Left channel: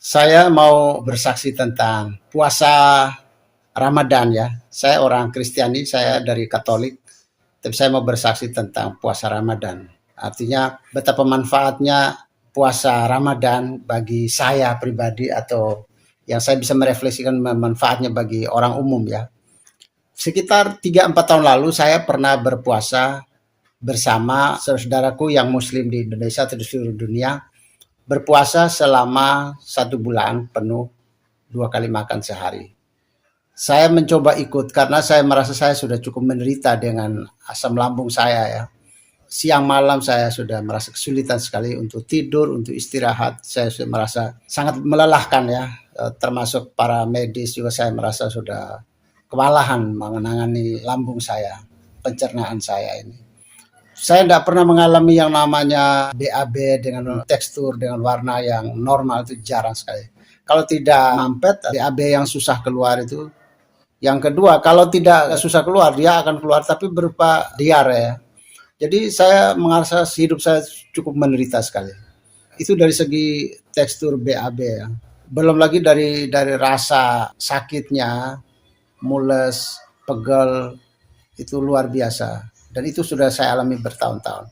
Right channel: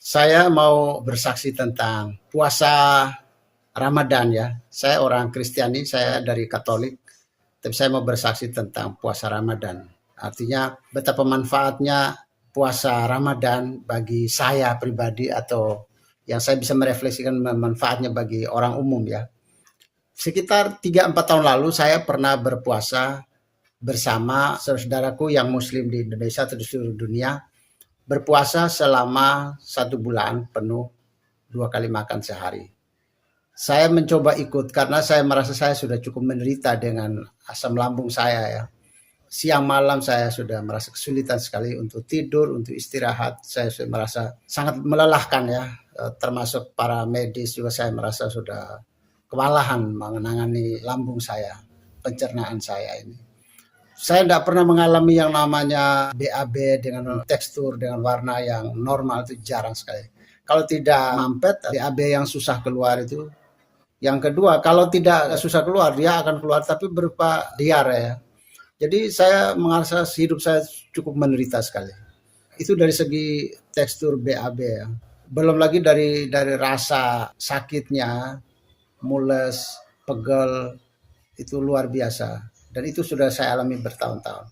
Saya mau bersaksi tentang puasa Ramadan ya. Saya orang Kristiani, saya dari Katolik, tapi saya mau bersaksi tentang puasa Ramadan. Artinya betapa manfaatnya puasa Ramadan bagi saya pribadi atau yang saya bisa merefleksikan manfaatnya bagi orang umum ya. Sekitar 3-4 tahun lalu saya pernah berpuasa bersama saudaraku yang muslim di Indonesia atau di seluruh dunia, berpuasa selama 1 bulan penuh, 2 kali makan sehari. Saya mencoba ikut karena saya merasa saya sudah cukup menderita dengan asam lambung saya ya. Siang malam saya sudah merasa kesulitan sekali untuk tidur, untuk istirahat. Saya sudah merasa sangat melelahkan ya. Termasuk para medis juga saya merasa sudah kewalahan menangani lambung saya, pencernaan saya ini. Saya tidak pernah mengalami yang namanya BAB dengan tekstur, dengan warna yang normal, itu jarang sekali. Kalau tidak mampet, BAB yang susah keluar itu. Yang kedua, kalau tidak susah keluar, dia akan keluar tapi berupa diare ya. Jadi saya merasa hidup saya cukup menderita sekali. Itu dari segi tekstur BAB ya. Belum lagi dari rasa sakitnya, mules, pegel, itu luar biasa. Dan itu sudah saya alami bertahun-tahun.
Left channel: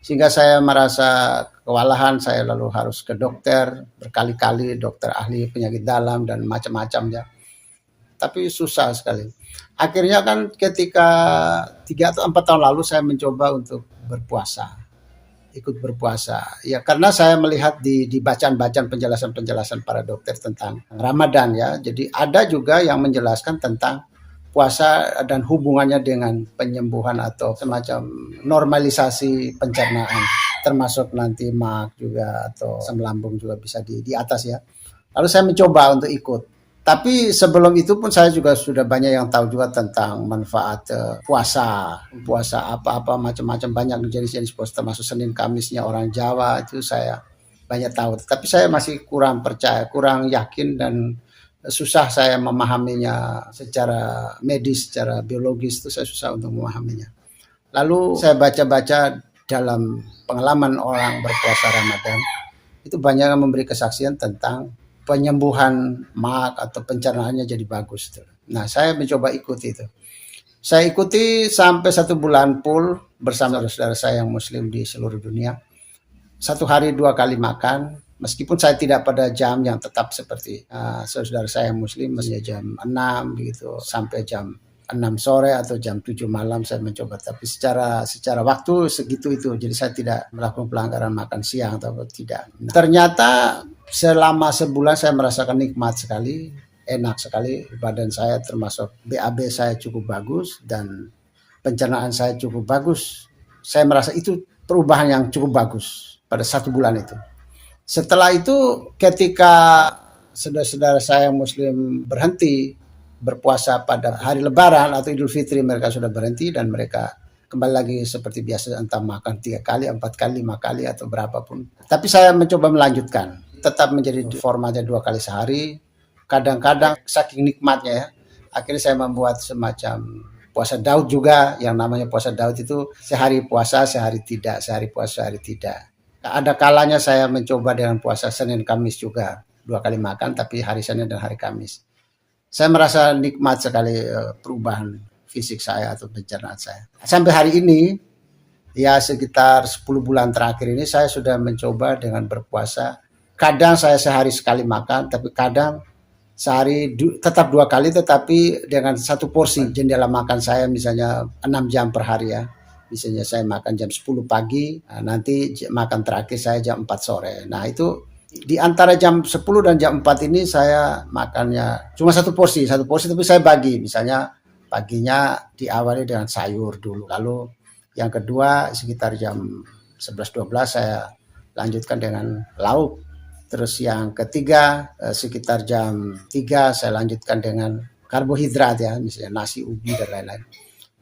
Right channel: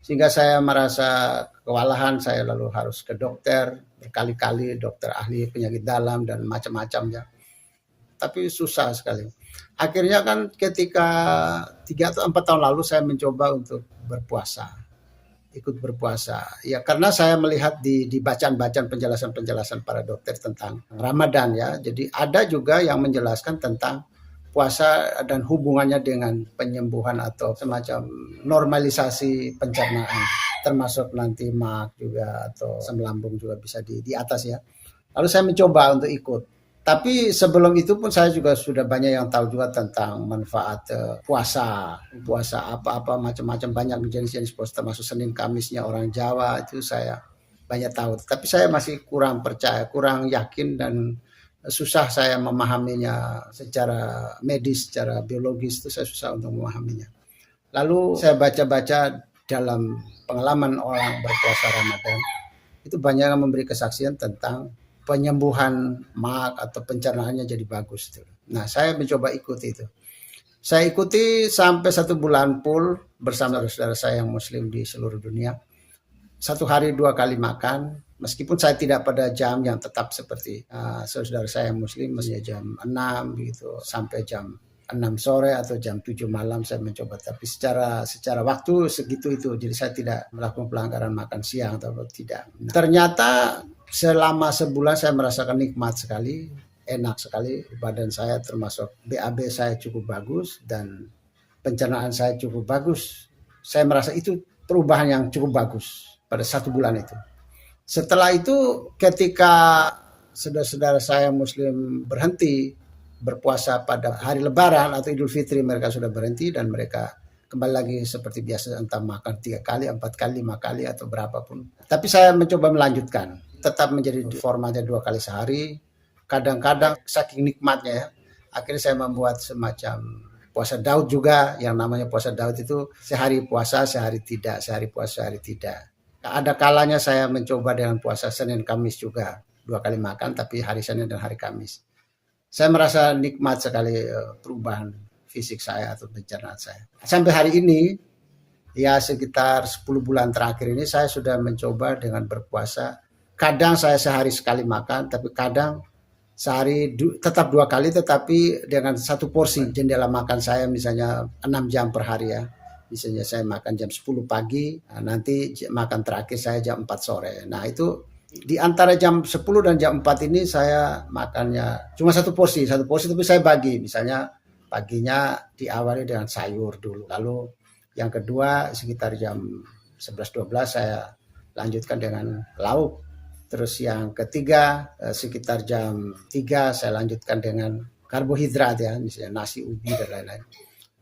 Sehingga saya merasa kewalahan, saya lalu harus ke dokter, berkali-kali dokter ahli penyakit dalam dan macam-macam ya. Tapi susah sekali. Akhirnya kan ketika 3 atau 4 tahun lalu saya mencoba untuk berpuasa, ikut berpuasa. Ya karena saya melihat di bacaan-bacaan penjelasan-penjelasan para dokter tentang Ramadan ya. Jadi ada juga yang menjelaskan tentang puasa dan hubungannya dengan penyembuhan atau semacam normalisasi pencernaan, termasuk nanti mak juga atau asam lambung juga bisa di atas ya. Lalu saya mencoba untuk ikut. Tapi sebelum itu pun saya juga sudah banyak yang tahu juga tentang manfaat puasa, puasa apa-apa macam-macam, banyak jenis-jenis puasa termasuk Senin Kamisnya orang Jawa itu saya banyak tahu. Tapi saya masih kurang percaya, kurang yakin dan susah saya memahaminya secara medis, secara biologis itu saya susah untuk memahaminya. Lalu saya baca-baca dalam pengalaman orang berpuasa Ramadan, itu banyak yang memberi kesaksian tentang penyembuhan mak atau pencernaannya jadi bagus. Nah, saya mencoba ikuti itu. Saya ikuti sampai 1 bulan full bersama saudara saya yang muslim di seluruh dunia. 1 hari 2 kali makan, meskipun saya tidak pada jam yang tetap seperti saudara saya yang muslim, masih jam 6 gitu sampai jam 6 sore atau jam 7 malam saya mencoba, tapi secara waktu segitu itu. Jadi saya tidak melakukan pelanggaran makan siang atau tidak. Ternyata selama sebulan saya merasakan nikmat sekali, enak sekali badan saya, termasuk BAB saya cukup bagus dan pencernaan saya cukup bagus. Saya merasa itu perubahan yang cukup bagus pada 1 bulan itu. Setelah itu ketika saudara-saudara saya muslim berhenti berpuasa pada hari lebaran atau Idul Fitri, mereka sudah berhenti dan mereka kembali lagi seperti biasa, entah makan 3 kali, 4 kali, 5 kali atau berapapun. Tapi saya mencoba melanjutkan, tetap menjadi formatnya 2 kali sehari. Kadang-kadang saking nikmatnya ya, akhirnya saya membuat semacam puasa Daud juga, yang namanya puasa Daud itu sehari puasa, sehari tidak, sehari puasa, sehari tidak. Ada kalanya saya mencoba dengan puasa Senin Kamis juga, 2 kali makan tapi hari Senin dan hari Kamis. Saya merasa nikmat sekali perubahan fisik saya atau pencernaan saya. Sampai hari ini, ya sekitar 10 bulan terakhir ini saya sudah mencoba dengan berpuasa. Kadang saya sehari sekali makan, tapi kadang sehari tetap 2 kali, tetapi dengan satu porsi. Jendela makan saya misalnya 6 jam per hari ya. Misalnya saya makan jam 10 pagi, nanti makan terakhir saya jam 4 sore. Nah itu di antara jam 10 dan jam 4 ini saya makannya cuma satu porsi tapi saya bagi. Misalnya paginya diawali dengan sayur dulu, lalu yang kedua sekitar jam 11-12 saya lanjutkan dengan lauk, terus yang ketiga sekitar jam 3 saya lanjutkan dengan karbohidrat ya, misalnya nasi, ubi dan lain-lain.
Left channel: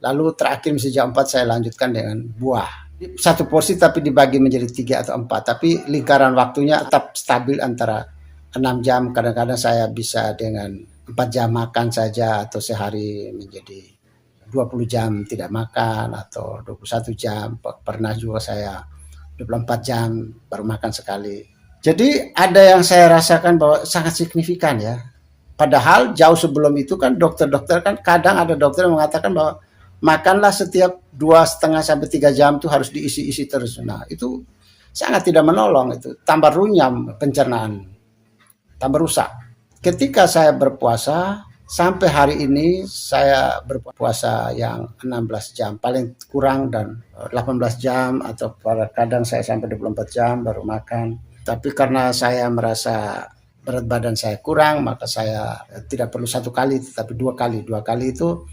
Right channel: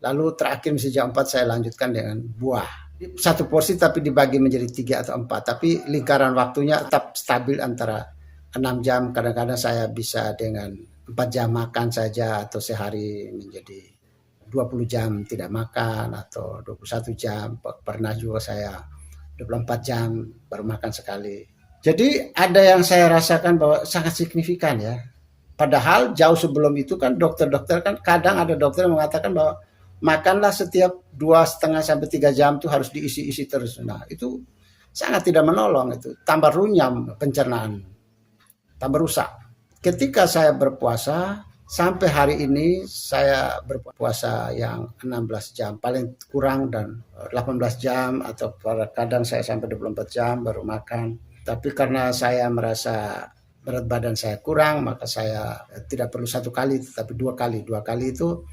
Lalu terakhir misalnya jam 4 saya lanjutkan dengan buah. Satu porsi tapi dibagi menjadi 3 atau 4, tapi lingkaran waktunya tetap stabil antara 6 jam. Kadang-kadang saya bisa dengan 4 jam makan saja, atau sehari menjadi 20 jam tidak makan, atau 21 jam. Pernah juga saya 24 jam baru makan sekali. Jadi ada yang saya rasakan bahwa sangat signifikan ya. Padahal jauh sebelum itu kan dokter-dokter kan kadang ada dokter yang mengatakan bahwa makanlah setiap 2,5 sampai 3 jam tuh harus diisi-isi terus. Nah itu sangat tidak menolong itu, tambah runyam pencernaan, tambah rusak. Ketika saya berpuasa sampai hari ini saya berpuasa yang 16 jam paling kurang dan 18 jam atau kadang saya sampai 24 jam baru makan. Tapi karena saya merasa berat badan saya kurang, maka saya tidak perlu 1 kali, tetapi 2 kali. 2 kali itu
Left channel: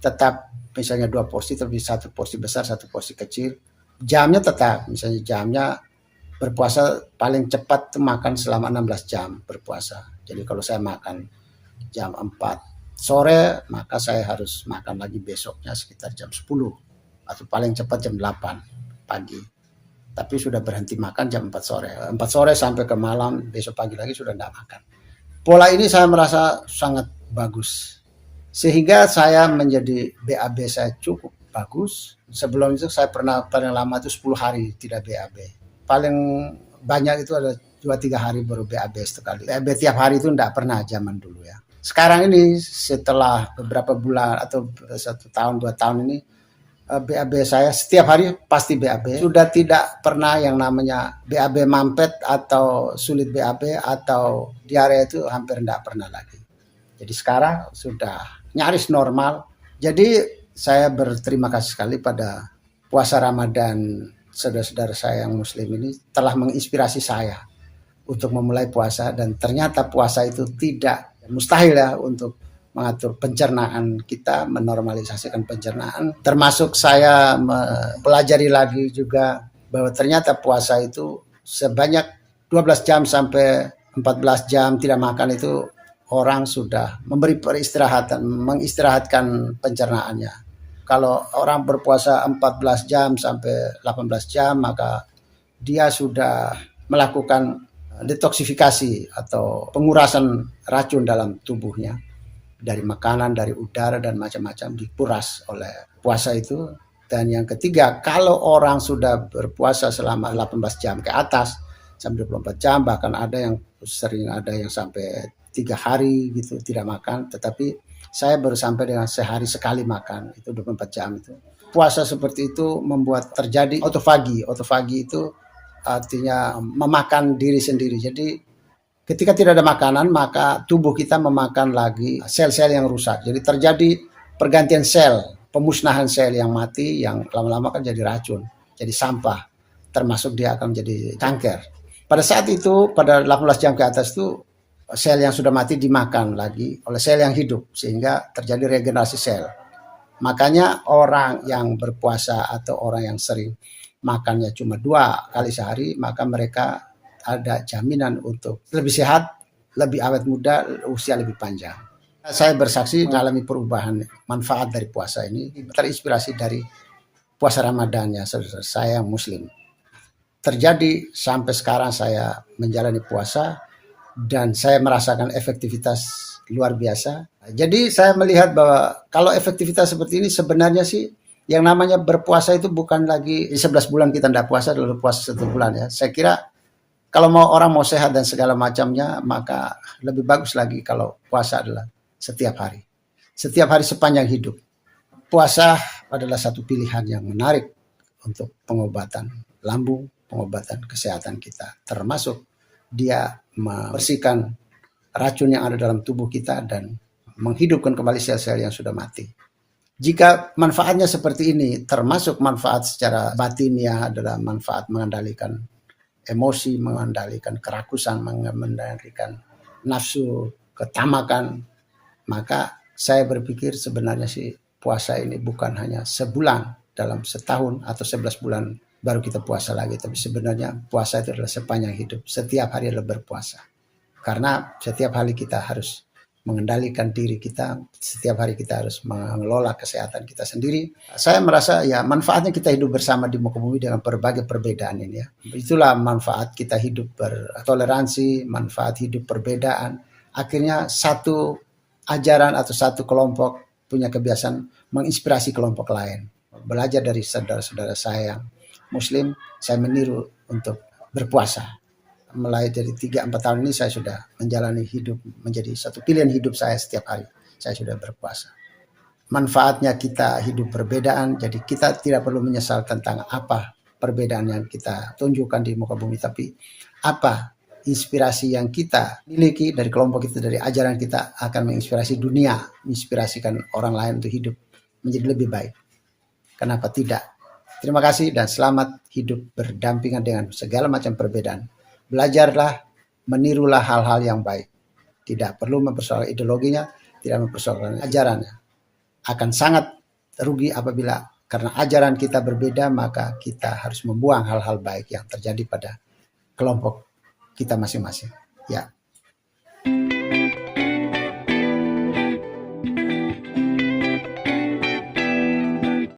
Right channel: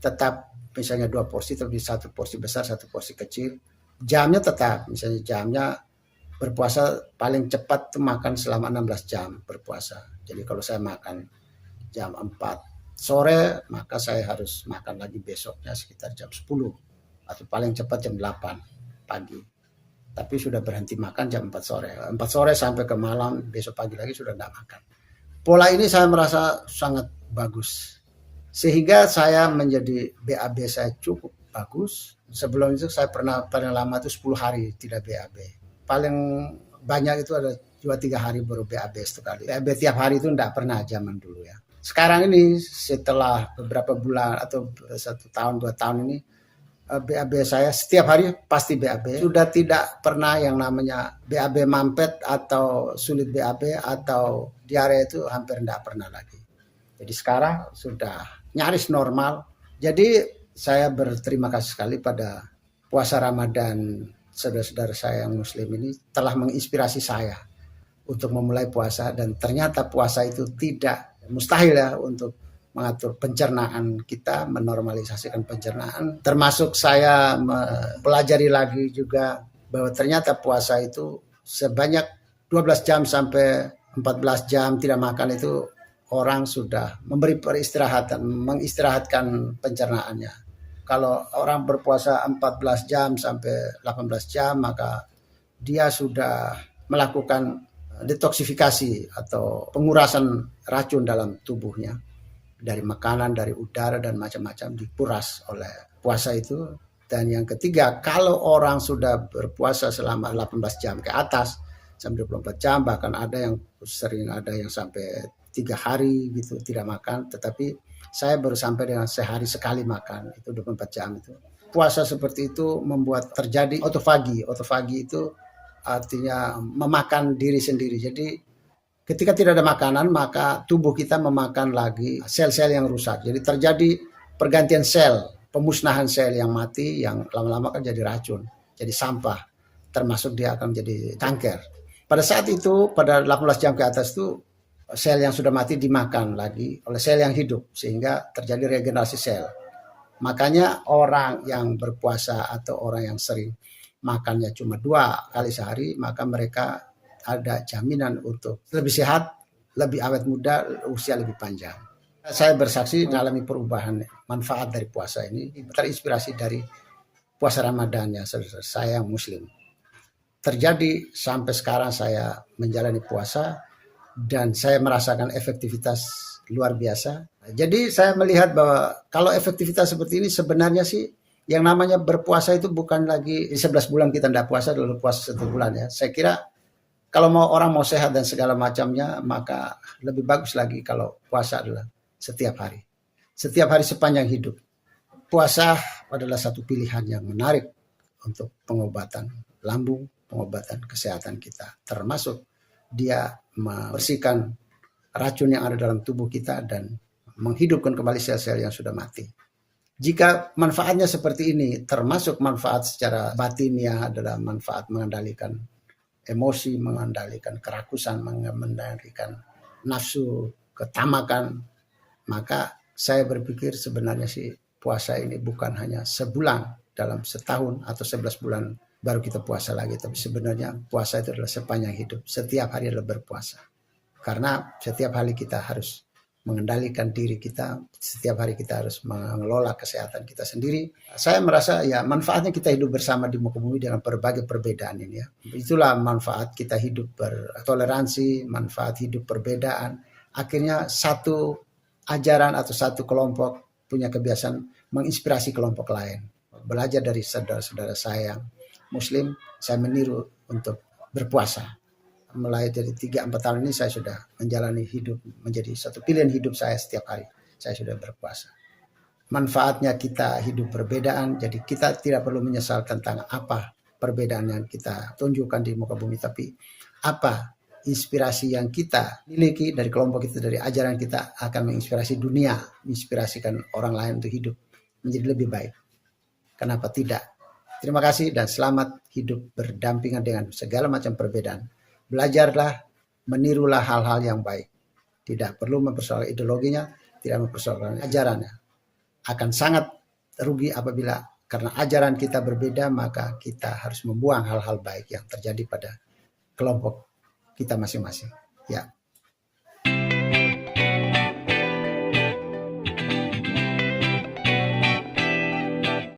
tetap misalnya 2 porsi, tapi 1 porsi besar, 1 porsi kecil. Jamnya tetap, misalnya jamnya berpuasa paling cepat tuh makan selama 16 jam berpuasa. Jadi kalau saya makan jam 4 sore, maka saya harus makan lagi besoknya sekitar jam 10 atau paling cepat jam 8 pagi. Tapi sudah berhenti makan jam 4 sore. 4 sore sampai ke malam, besok pagi lagi sudah tidak makan. Pola ini saya merasa sangat bagus. Sehingga saya menjadi BAB saya cukup bagus. Sebelum itu saya pernah paling lama itu 10 hari tidak BAB. Paling banyak itu ada 2-3 hari baru BAB sekali. BAB tiap hari itu tidak pernah zaman dulu ya. Sekarang ini setelah beberapa bulan atau 1 tahun 2 tahun ini BAB saya setiap hari pasti BAB. Sudah tidak pernah yang namanya BAB mampet atau sulit BAB atau diare itu hampir tidak pernah lagi. Jadi sekarang sudah nyaris normal. Jadi saya berterima kasih sekali pada puasa Ramadan saudara-saudara saya yang muslim ini telah menginspirasi saya untuk memulai puasa, dan ternyata puasa itu tidak mustahil ya untuk mengatur pencernaan kita, menormalisasikan pencernaan. Termasuk saya mempelajari lagi juga bahwa ternyata puasa itu sebanyak 12 jam sampai 14 jam tidak makan itu orang sudah memberi peristirahatan, mengistirahatkan pencernaannya. Kalau orang berpuasa 14 jam sampai 18 jam, maka dia sudah melakukan detoksifikasi atau pengurasan racun dalam tubuhnya dari makanan, dari udara dan macam-macam dikuras oleh puasa itu. Dan yang ketiga, kalau orang sudah berpuasa selama 18 jam ke atas sampai 24 jam, bahkan ada yang sering ada yang sampai 3 hari gitu tidak makan, tetapi saya baru sampai dengan sehari sekali makan, itu 24 jam itu. Puasa seperti itu membuat terjadi otofagi. Otofagi itu artinya memakan diri sendiri. Jadi ketika tidak ada makanan, maka tubuh kita memakan lagi sel-sel yang rusak. Jadi terjadi pergantian sel, pemusnahan sel yang mati, yang lama-lama kan jadi racun, jadi sampah, termasuk dia akan menjadi kanker. Pada saat itu, pada 18 jam ke atas itu, sel yang sudah mati dimakan lagi oleh sel yang hidup, sehingga terjadi regenerasi sel. Makanya orang yang berpuasa atau orang yang sering makannya cuma 2 kali sehari, maka mereka ada jaminan untuk lebih sehat, lebih awet muda, usia lebih panjang. Saya bersaksi mengalami perubahan manfaat dari puasa ini, terinspirasi dari puasa Ramadan ya saudara saya yang muslim. Terjadi sampai sekarang saya menjalani puasa dan saya merasakan efektivitas luar biasa. Jadi saya melihat bahwa kalau efektivitas seperti ini sebenarnya sih yang namanya berpuasa itu bukan lagi 11 bulan kita tidak puasa, lalu puasa 1 bulan ya. Saya kira kalau orang mau sehat dan segala macamnya, maka lebih bagus lagi kalau puasa adalah setiap hari. Setiap hari sepanjang hidup. Puasa adalah satu pilihan yang menarik untuk pengobatan lambung, pengobatan kesehatan kita. Termasuk dia membersihkan racun yang ada dalam tubuh kita dan menghidupkan kembali sel-sel yang sudah mati. Jika manfaatnya seperti ini, termasuk manfaat secara batinnya adalah manfaat mengendalikan emosi, mengendalikan kerakusan, mengendalikan nafsu, ketamakan, maka saya berpikir sebenarnya sih puasa ini bukan hanya sebulan dalam setahun atau 11 bulan baru kita puasa lagi, tapi sebenarnya puasa itu adalah sepanjang hidup. Setiap hari adalah berpuasa. Karena setiap hari kita harus mengendalikan diri kita, setiap hari kita harus mengelola kesehatan kita sendiri. Saya merasa ya manfaatnya kita hidup bersama di muka bumi dengan berbagai perbedaan ini ya. Itulah manfaat kita hidup bertoleransi, manfaat hidup perbedaan. Akhirnya satu ajaran atau satu kelompok punya kebiasaan menginspirasi kelompok lain. Belajar dari saudara-saudara saya yang muslim, saya meniru untuk berpuasa. mulai dari 3-4 tahun ini saya sudah menjalani hidup menjadi satu pilihan hidup saya setiap hari. Saya sudah berpuasa. Manfaatnya kita hidup perbedaan, jadi kita tidak perlu menyesal tentang apa perbedaan yang kita tunjukkan di muka bumi, tapi apa inspirasi yang kita miliki dari kelompok kita, dari ajaran kita akan menginspirasi dunia, menginspirasikan orang lain untuk hidup menjadi lebih baik. Kenapa tidak? Terima kasih dan selamat hidup berdampingan dengan segala macam perbedaan. Belajarlah, menirulah hal-hal yang baik. Tidak perlu mempersoalkan ideologinya, tidak mempersoalkan ajarannya. Akan sangat rugi apabila karena ajaran kita berbeda, maka kita harus membuang hal-hal baik yang terjadi pada kelompok kita masing-masing. Ya.